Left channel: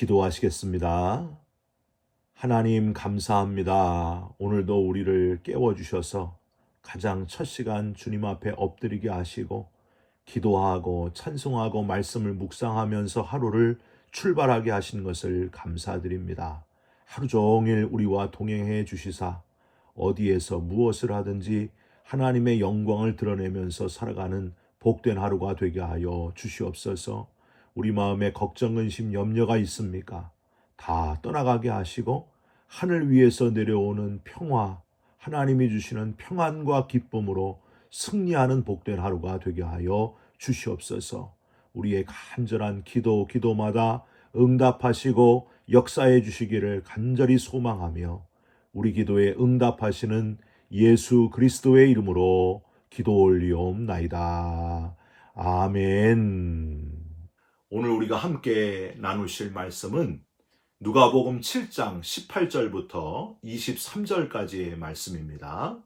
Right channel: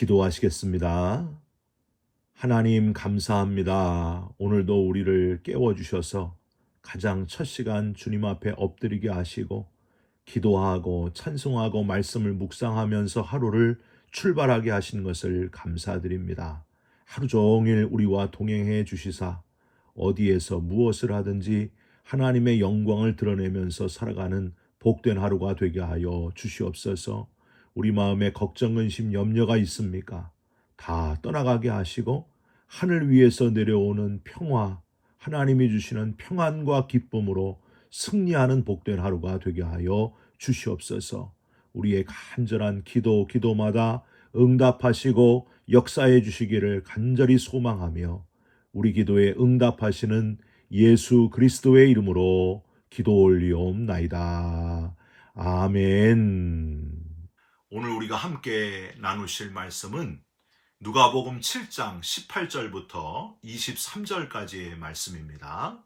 기도하시겠습니다. 하나님 감사합니다. 오늘도 우리를 깨워주셔서 가장 첫 시간 주님 앞에 엎드리게 하시고 기도하고 찬송하고 말씀을 묵상하면서 하루를 출발하게 하신 것을 감사드립니다. 하루 종일 우리와 동행해 주시사 어디에서 무엇을 하든지 하나님의 영광을 드러내면서 살아가는 복된 하루가 되게 하여 주시옵소서. 우리 마음에 걱정, 근심, 염려가 있습니까? 다 떠나가게 하시고 하늘 위에서 내려오는 평화, 하나님이 주시는 평안과 기쁨으로 승리하는 복된 하루가 되게 하여 주시옵소서. 우리의 간절한 기도마다 응답하시고 역사해 주시기를 간절히 소망하며 우리 기도에 응답하시는 예수 그리스도의 이름으로 기도 올리옵나이다. 아멘. 오늘 우리가 함께 나누실 말씀은 누가복음 7장 18절부터 23절까지의 말씀입니다.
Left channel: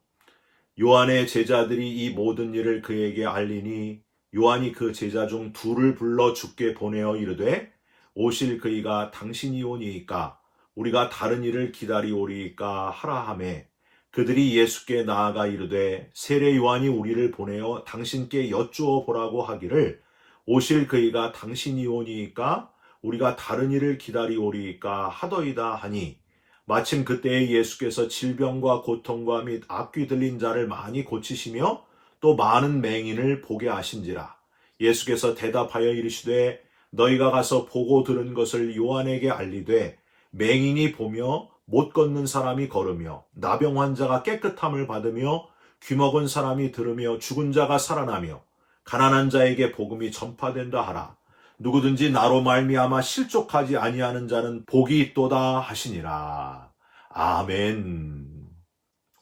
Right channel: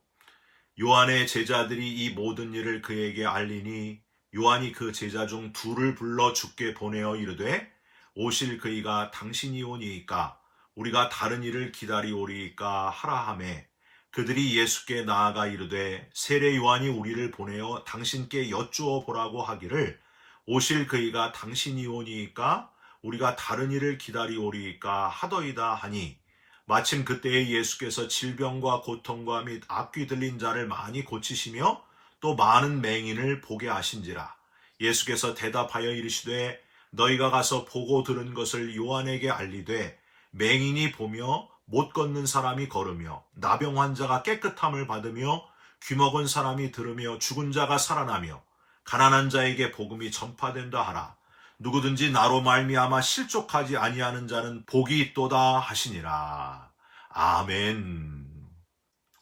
요한의 제자들이 이 모든 일을 그에게 알리니 요한이 그 제자 중 둘을 불러 주께 보내어 이르되 오실 그이가 당신이 오니이까 우리가 다른 일을 기다리오리이까 하라 하매 그들이 예수께 나아가 이르되 세례 요한이 우리를 보내어 당신께 여쭈어 보라고 하기를 오실 그이가 당신이 오니이까 우리가 다른 일을 기다리오리이까 하더이다 하니 마침 그때에 예수께서 질병과 고통과 및 앞귀 들린 자를 많이 고치시며 또 많은 맹인을 보게 하신지라. 예수께서 대답하여 이르시되 너희가 가서 보고 들은 것을 요한에게 알리되 맹인이 보며 못 걷는 사람이 걸으며 나병 환자가 깨끗함을 받으며 귀먹은 사람이 들으며 죽은 자가 살아나며 가난한 자에게 복음이 전파된다 하라. 누구든지 나로 말미암아 실족하지 아니하는 자는 복이 있도다 하시니라. 아멘.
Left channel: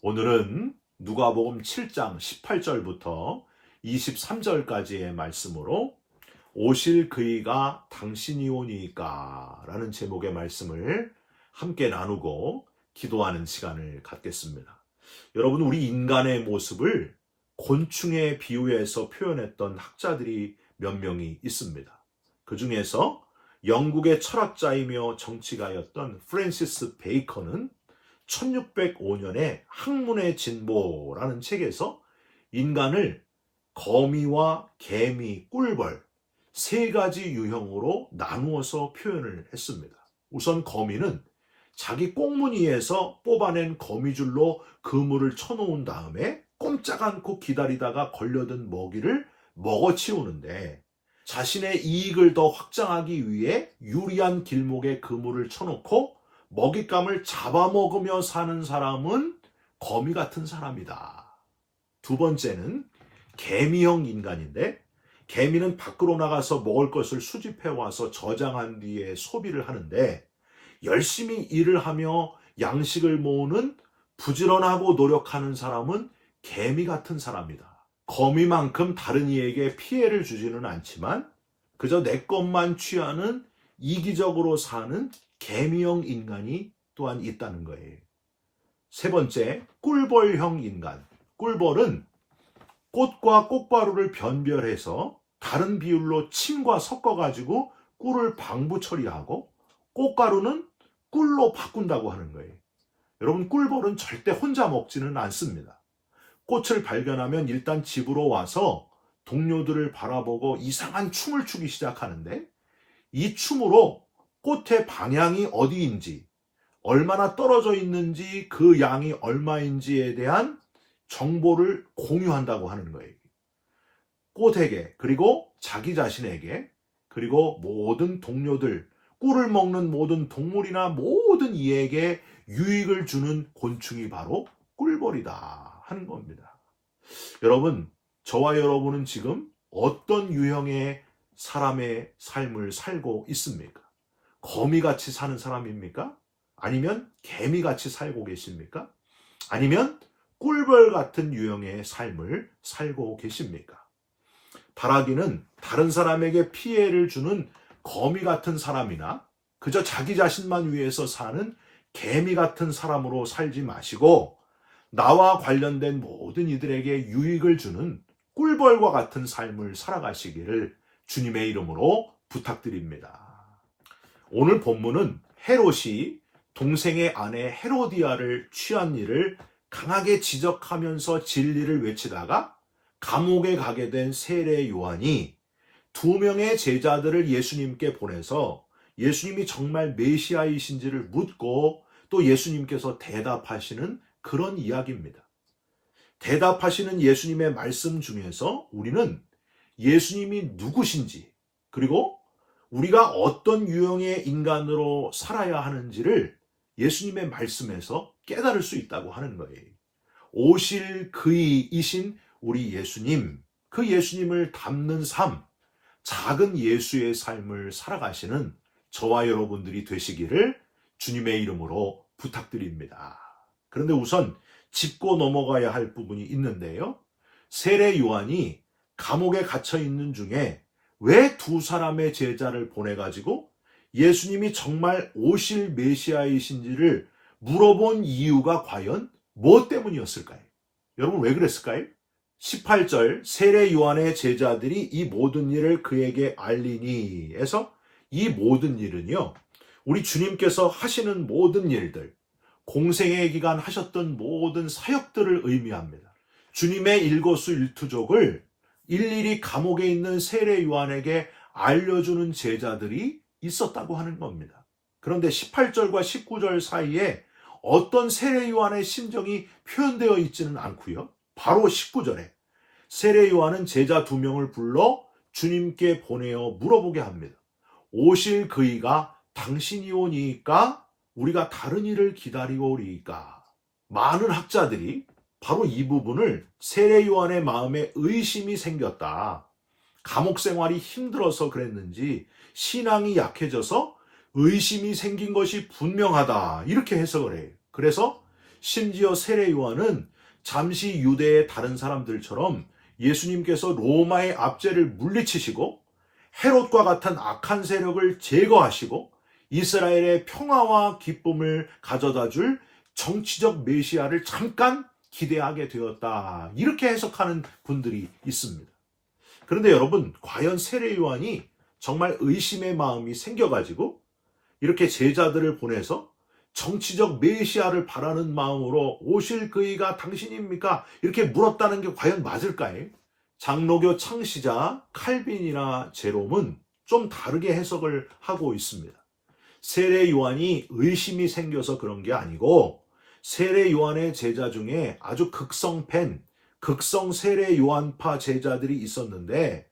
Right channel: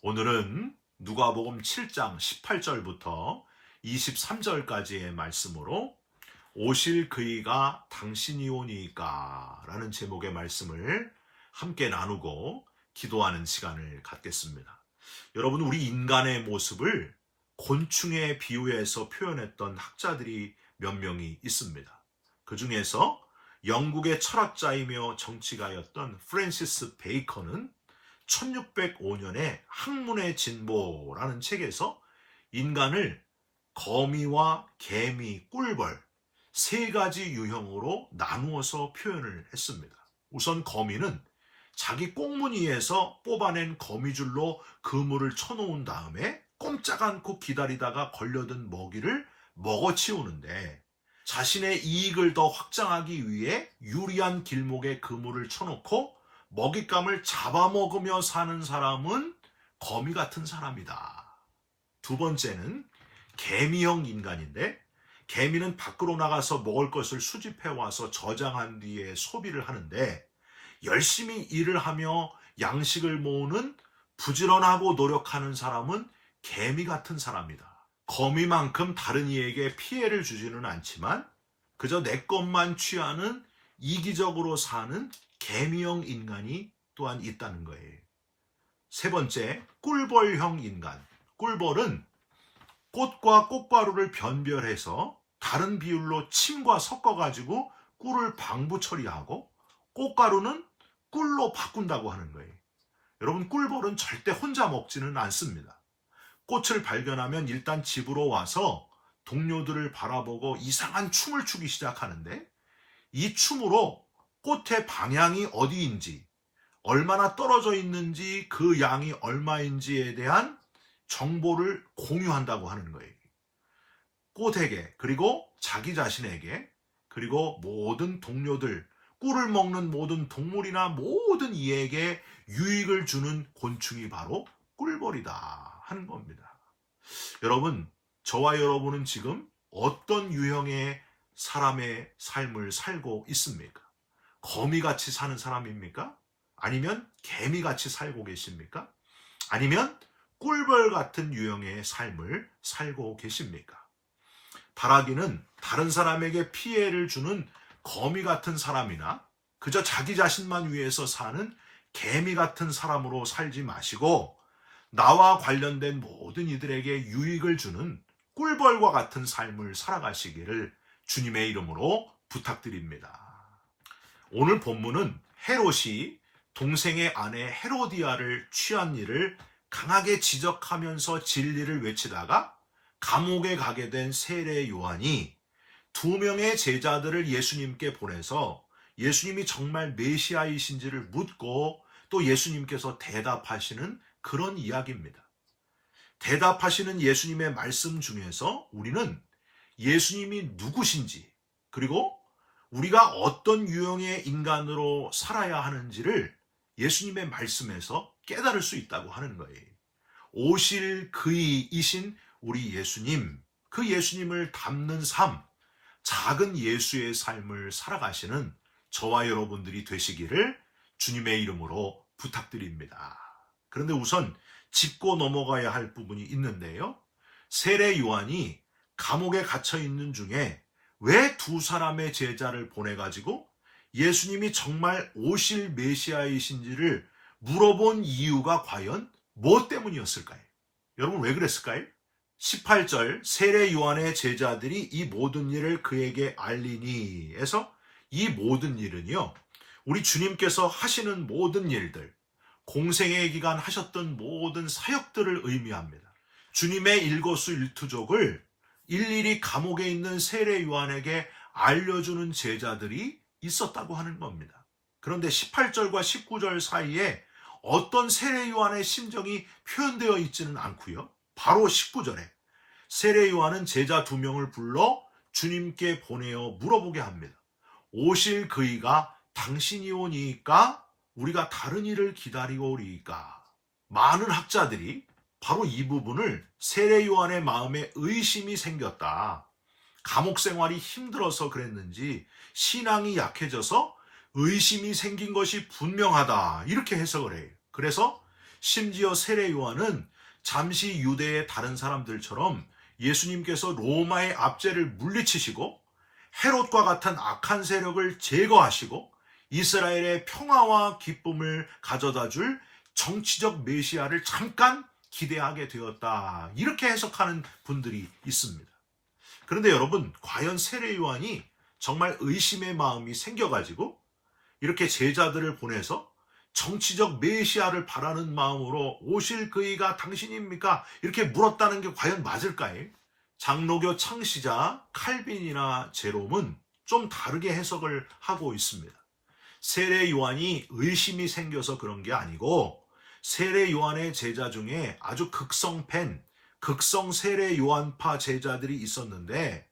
오늘은 누가복음 7장 18절부터 23절까지의 말씀으로 오실 그이가 당신이 오니까 라는 제목의 말씀을 함께 나누고 기도하는 시간을 갖겠습니다. 여러분, 우리 인간의 모습을 곤충에 비유해서 표현했던 학자들이 몇 명이 있습니다. 그 중에서 영국의 철학자이며 정치가였던 프랜시스 베이컨은 1605년에 학문의 진보라는 책에서 인간을 거미와 개미, 꿀벌 세 가지 유형으로 나누어서 표현을 했습니다. 우선 거미는 자기 꽁무니에서 뽑아낸 거미줄로 그물을 쳐놓은 다음에 꼼짝 않고 기다리다가 걸려든 먹이를 먹어치우는데 자신의 이익을 더 확장하기 위해 유리한 길목에 그물을 쳐놓고 먹잇감을 잡아먹으며 사는 사람은 거미 같은 사람이다. 두 번째는 개미형 인간인데 개미는 밖으로 나가서 먹을 것을 수집해와서 저장한 뒤에 소비를 하는데 열심히 일을 하며 양식을 모으는 부지런하고 노력하는 사람은 개미 같은 사람이다. 거미만큼 다른 이에게 피해를 주지는 않지만 그저 내 것만 취하는 이기적으로 사는 개미형 인간이 또한 있다는 거예요. 세 번째, 꿀벌형 인간. 꿀벌은 꽃과 꽃가루를 변별해서 다른 비율로 침과 섞어가지고 꿀을 방부 처리하고 꽃가루는 꿀로 바꾼다고 하는 거예요. 여러분, 꿀벌은 절대 혼자 먹지는 않습니다. 꽃을 발견하면 일단 집으로 와서 동료들을 바라보고 이상한 춤을 추기 시작하는데 이 춤으로 꽃의 방향이 어디인지, 얼마나 떨어져 있는지, 그 양이 얼마인지에 대한 정보를 공유한다고 하는 거예요. 꽃에게, 그리고 자기 자신에게, 그리고 모든 동료들, 꿀을 먹는 모든 동물이나 모든 이에게 유익을 주는 곤충이 바로 꿀벌이다 하는 겁니다. 여러분, 저와 여러분은 지금 어떤 유형의 사람의 삶을 살고 있습니까? 거미같이 사는 사람입니까? 아니면 개미같이 살고 계십니까? 아니면 꿀벌 같은 유형의 삶을 살고 계십니까? 바라기는 다른 사람에게 피해를 주는 거미 같은 사람이나 그저 자기 자신만 위해서 사는 개미 같은 사람으로 살지 마시고 나와 관련된 모든 이들에게 유익을 주는 꿀벌과 같은 삶을 살아가시기를 주님의 이름으로 부탁드립니다. 오늘 본문은 헤롯이 동생의 아내 헤로디아를 취한 일을 강하게 지적하면서 진리를 외치다가 감옥에 가게 된 세례 요한이 두 명의 제자들을 예수님께 보내서 예수님이 정말 메시아이신지를 묻고 또 예수님께서 대답하시는 그런 이야기입니다. 대답하시는 예수님의 말씀 중에서 우리는 예수님이 누구신지, 그리고 우리가 어떤 유형의 인간으로 살아야 하는지를 예수님의 말씀에서 깨달을 수 있다고 하는 거예요. 오실 그이이신 우리 예수님, 그 예수님을 닮는 삶, 작은 예수의 삶을 살아가시는 저와 여러분들이 되시기를 주님의 이름으로 부탁드립니다. 그런데 우선 짚고 넘어가야 할 부분이 있는데요. 세례 요한이 감옥에 갇혀 있는 중에 왜 두 사람의 제자를 보내가지고 예수님이 정말 오실 메시아이신지를 물어본 이유가 과연 무엇 때문이었을까요? 여러분 왜 그랬을까요? 18절 세례 요한의 제자들이 이 모든 일을 그에게 알리니 에서 이 모든 일은요, 우리 주님께서 하시는 모든 일들, 공생의 기간 하셨던 모든 사역들을 의미합니다. 주님의 일거수일투족을 일일이 감옥에 있는 세례 요한에게 알려주는 제자들이 있었다고 하는 겁니다. 그런데 18절과 19절 사이에 어떤 세례 요한의 심정이 표현되어 있지는 않고요. 바로 19절에 세례 요한은 제자 2명을 불러 주님께 보내어 물어보게 합니다. 오실 그이가 당신이 오니까 우리가 다른 일을 기다리고 오리이까. 많은 학자들이 바로 이 부분을 세례 요한의 마음에 의심이 생겼다. 감옥 생활이 힘들어서 그랬는지 신앙이 약해져서 의심이 생긴 것이 분명하다. 이렇게 해석을 해요. 그래서 심지어 세례 요한은 잠시 유대의 다른 사람들처럼 예수님께서 로마의 압제를 물리치시고 헤롯과 같은 악한 세력을 제거하시고 이스라엘의 평화와 기쁨을 가져다 줄 정치적 메시아를 잠깐 기대하게 되었다. 이렇게 해석하는 분들이 있습니다. 그런데 여러분, 과연 세례 요한이 정말 의심의 마음이 생겨가지고 이렇게 제자들을 보내서 정치적 메시아를 바라는 마음으로 오실 그이가 당신입니까? 이렇게 물었다는 게 과연 맞을까요? 장로교 창시자 칼빈이나 제롬은 좀 다르게 해석을 하고 있습니다. 세례 요한이 의심이 생겨서 그런 게 아니고 세례 요한의 제자 중에 아주 극성 팬, 극성 세례 요한파 제자들이 있었는데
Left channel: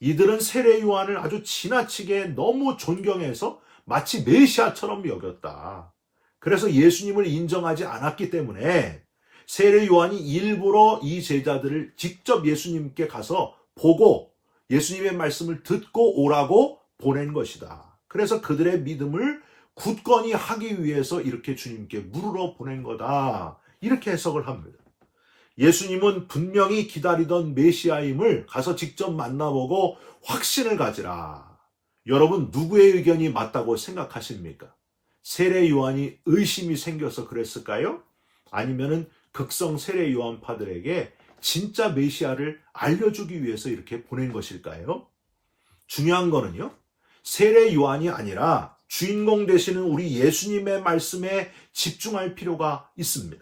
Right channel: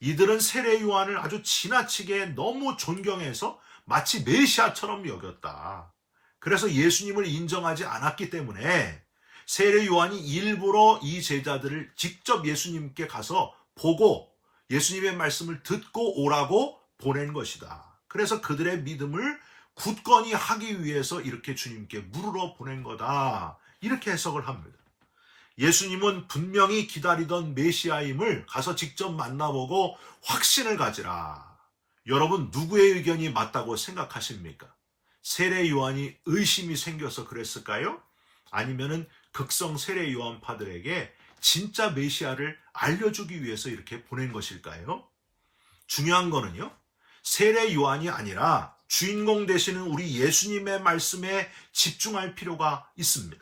이들은 세례 요한을 아주 지나치게 너무 존경해서 마치 메시아처럼 여겼다. 그래서 예수님을 인정하지 않았기 때문에 세례 요한이 일부러 이 제자들을 직접 예수님께 가서 보고 예수님의 말씀을 듣고 오라고 보낸 것이다. 그래서 그들의 믿음을 굳건히 하기 위해서 이렇게 주님께 물으러 보낸 거다. 이렇게 해석을 합니다. 예수님은 분명히 기다리던 메시아임을 가서 직접 만나보고 확신을 가지라. 여러분 누구의 의견이 맞다고 생각하십니까? 세례 요한이 의심이 생겨서 그랬을까요? 아니면은 극성 세례 요한파들에게 진짜 메시아를 알려주기 위해서 이렇게 보낸 것일까요? 중요한 거는요, 세례 요한이 아니라 주인공 되시는 우리 예수님의 말씀에 집중할 필요가 있습니다.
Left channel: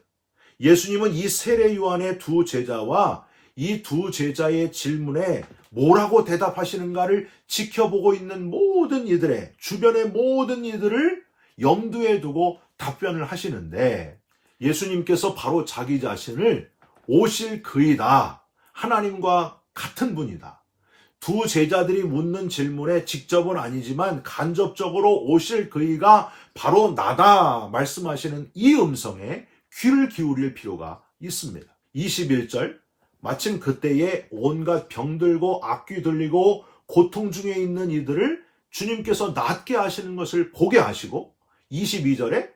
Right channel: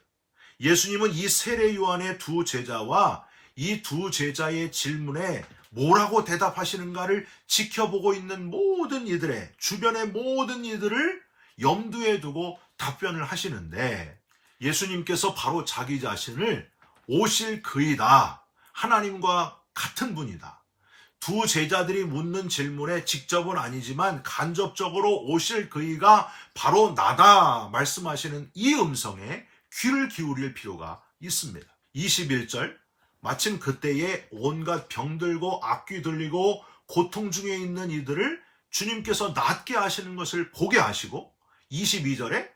예수님은 이 세례 요한의 두 제자와 이 두 제자의 질문에 뭐라고 대답하시는가를 지켜보고 있는 모든 이들의 주변의 모든 이들을 염두에 두고 답변을 하시는데 예수님께서 바로 자기 자신을 오실 그이다. 하나님과 같은 분이다. 두 제자들이 묻는 질문에 직접은 아니지만 간접적으로 오실 그이가 바로 나다 말씀하시는 이 음성에 귀를 기울일 필요가 있습니다. 21절 마침 그때에 온갖 병들고 악귀 들리고 고통 중에 있는 이들을 주님께서 낫게 하시는 것을 보게 하시고 22절에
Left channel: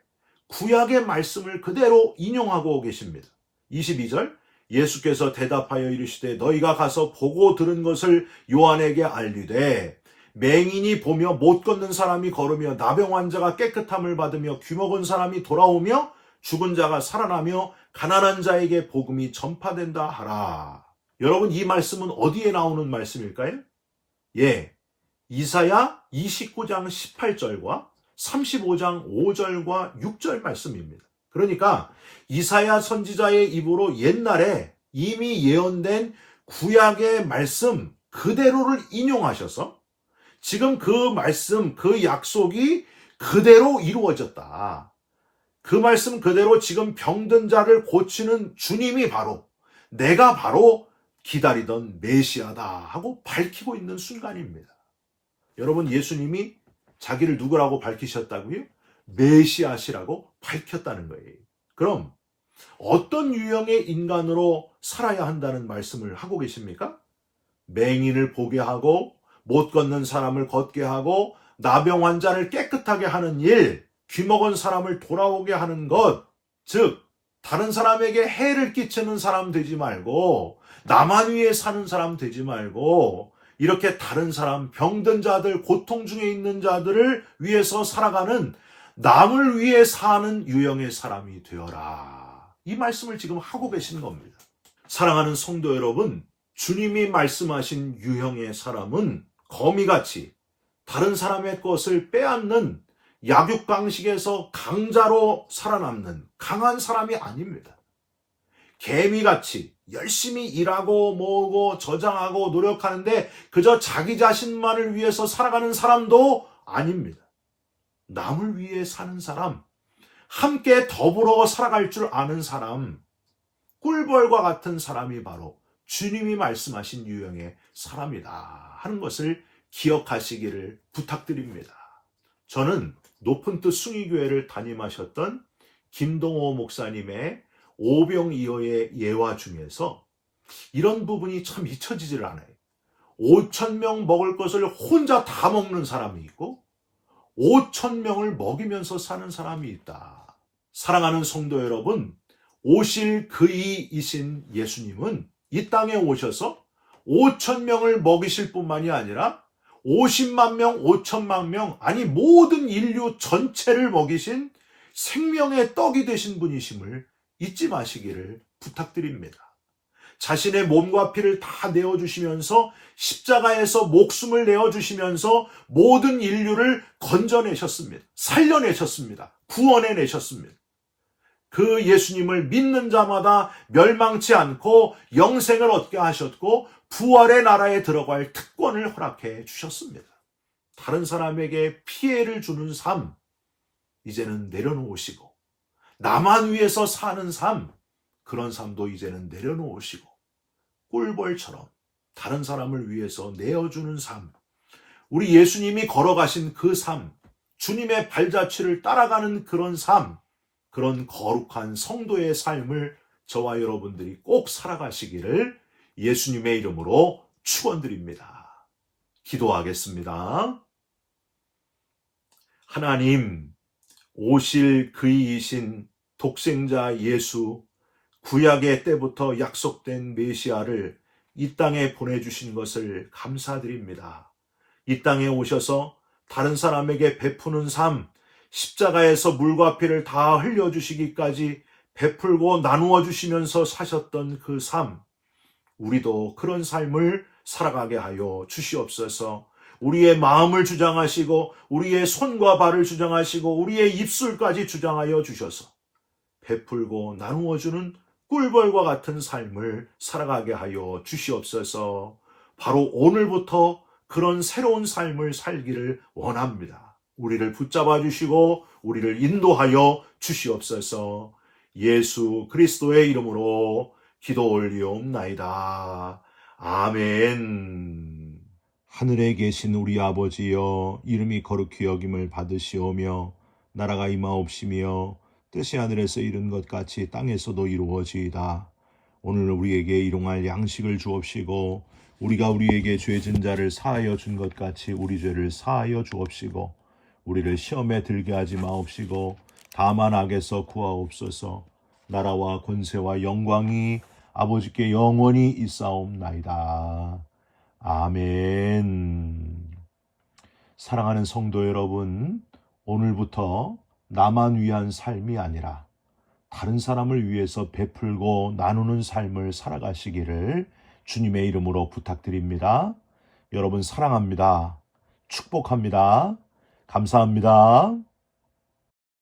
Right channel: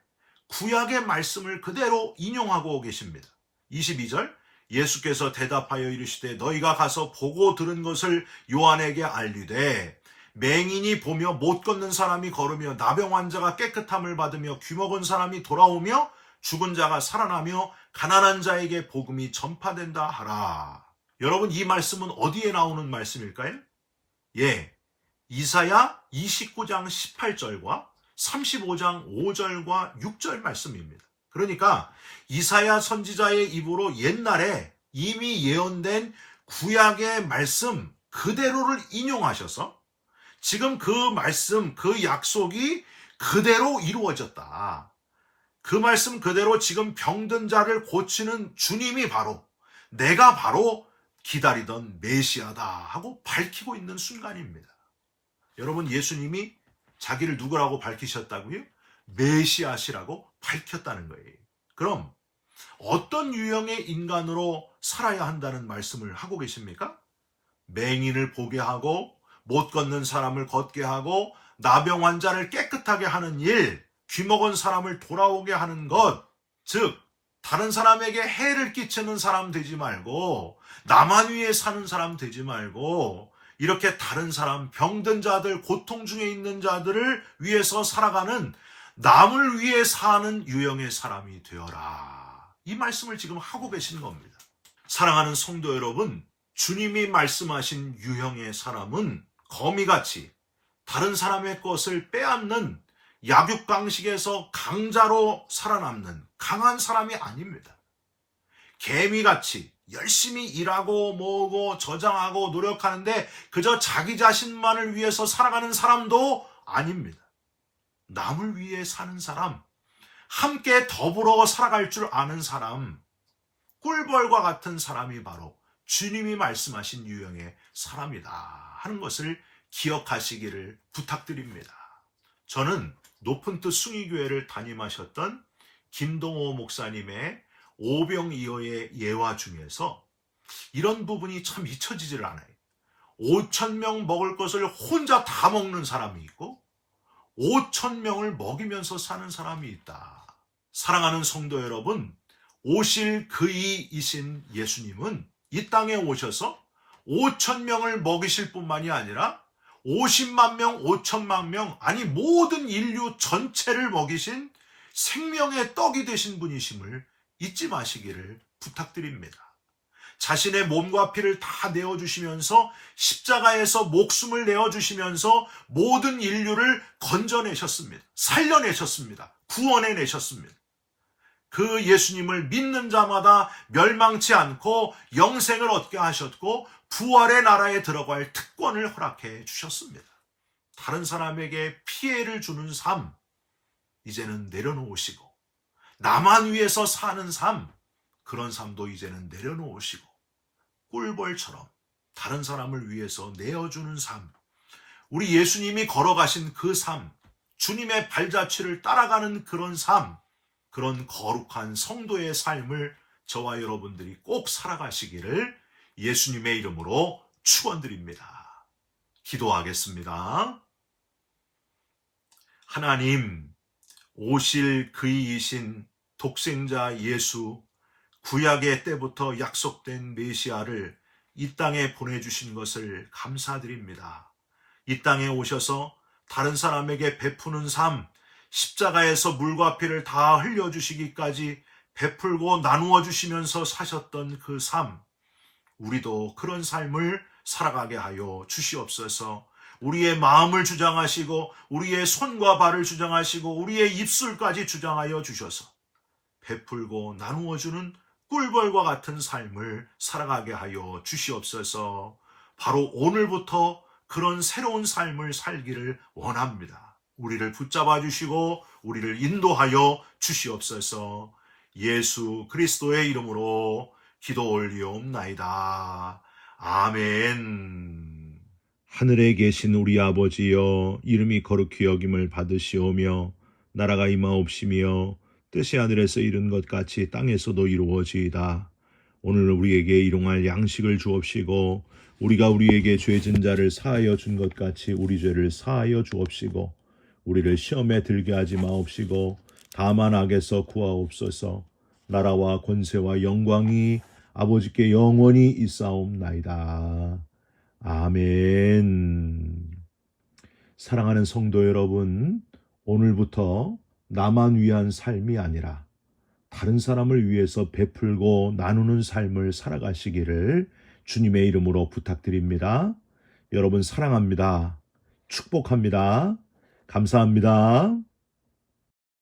구약의 말씀을 그대로 인용하고 계십니다. 22절 예수께서 대답하여 이르시되 너희가 가서 보고 들은 것을 요한에게 알리되 맹인이 보며 못 걷는 사람이 걸으며 나병 환자가 깨끗함을 받으며 귀먹은 사람이 돌아오며 죽은 자가 살아나며 가난한 자에게 복음이 전파된다 하라. 여러분 이 말씀은 어디에 나오는 말씀일까요? 예, 이사야 29장 18절과 35장 5절과 6절 말씀입니다. 그러니까 이사야 선지자의 입으로 옛날에 이미 예언된 구약의 말씀 그대로를 인용하셔서 지금 그 말씀, 그 약속이 그대로 이루어졌다. 그 말씀 그대로 지금 병든 자를 고치는 주님이 바로 내가 바로 기다리던 메시아다 하고 밝히고 있는 순간입니다. 여러분, 예수님이 자기를 누구라고 밝히셨다고요? 메시아시라고 밝혔다는 거예요. 그럼 어떤 유형의 인간으로 살아야 한다는 말씀을 하고 계십니까? 맹인을 보게 하고 못 걷는 사람을 걷게 하고 나병 환자를 깨끗하게 하는 일, 귀먹은 사람을 돌아오게 하는 것, 즉 다른 사람에게 해를 끼치는 사람 되지 말고 나만 위해 사는 사람 되지 말고 이렇게 다른 사람, 병든 자들, 고통 중에 있는 자들을 위해서 살아가는 남을 위해 사는 유형의 사람이 되어라. 이 말씀을 지금 하고 계신 겁니다. 사랑하는 성도 여러분, 주님이 말씀하신 유형의 사람은 거미같이 다른 사람의 것을 빼앗는 약육강식에서 강자로 살아남는 강한 사람이 아닙니다. 개미같이 열심히 일하고 뭐고 저장하고 노력하는데 그저 자기 자신만을 위해서 살아가는 사람도 아닙니다. 남을 위해 사는 사람, 함께 더불어 살아갈 줄 아는 사람, 꿀벌과 같은 사람이 바로 주님이 말씀하신 유형의 사람이다 하는 것을 기억하시기를 부탁드립니다. 저는 높은 뜻 숭의교회를 담임하셨던 김동호 목사님의 오병이어의 예화 중에서 이런 부분이 참 잊혀지질 않아요. 5,000명 먹을 것을 혼자 다 먹는 사람이 있고 5,000명을 먹이면서 사는 사람이 있다. 사랑하는 성도 여러분, 오실 그이이신 예수님은 이 땅에 오셔서 5,000명을 먹이실 뿐만이 아니라 50만 명, 5천만 명, 아니 모든 인류 전체를 먹이신 생명의 떡이 되신 분이심을 잊지 마시기를 부탁드립니다. 자신의 몸과 피를 다 내어주시면서 십자가에서 목숨을 내어주시면서 모든 인류를 건져내셨습니다. 살려내셨습니다. 구원해내셨습니다. 그 예수님을 믿는 자마다 멸망치 않고 영생을 얻게 하셨고 부활의 나라에 들어갈 특권을 허락해 주셨습니다. 다른 사람에게 피해를 주는 삶, 이제는 내려놓으시고 나만 위해서 사는 삶, 그런 삶도 이제는 내려놓으시고 꿀벌처럼 다른 사람을 위해서 내어주는 삶, 우리 예수님이 걸어가신 그 삶, 주님의 발자취를 따라가는 그런 삶, 그런 거룩한 성도의 삶을 저와 여러분들이 꼭 살아가시기를 예수님의 이름으로 축원드립니다. 기도하겠습니다. 하나님, 오실 그이이신 독생자 예수, 구약의 때부터 약속된 메시아를 이 땅에 보내주신 것을 감사드립니다. 이 땅에 오셔서 다른 사람에게 베푸는 삶, 십자가에서 물과 피를 다 흘려주시기까지 베풀고 나누어 주시면서 사셨던 그 삶, 우리도 그런 삶을 살아가게 하여 주시옵소서. 우리의 마음을 주장하시고 우리의 손과 발을 주장하시고 우리의 입술까지 주장하여 주셔서 베풀고 나누어 주는 꿀벌과 같은 삶을 살아가게 하여 주시옵소서. 바로 오늘부터 그런 새로운 삶을 살기를 원합니다. 우리를 붙잡아 주시고 우리를 인도하여 주시옵소서. 예수 그리스도의 이름으로 기도 올리옵나이다. 아멘. 하늘에 계신 우리 아버지여, 이름이 거룩히 여김을 받으시오며 나라가 임하옵시며 뜻이 하늘에서 이룬 것 같이 땅에서도 이루어지이다. 오늘 우리에게 일용할 양식을 주옵시고 우리가 우리에게 죄진 자를 사하여 준 것 같이 우리 죄를 사하여 주옵시고 우리를 시험에 들게 하지 마옵시고 다만 악에서 구하옵소서. 나라와 권세와 영광이 아버지께 영원히 있사옵나이다. 아멘. 사랑하는 성도 여러분, 오늘부터 나만 위한 삶이 아니라 다른 사람을 위해서 베풀고 나누는 삶을 살아가시기를 주님의 이름으로 부탁드립니다. 여러분 사랑합니다. 축복합니다. 감사합니다.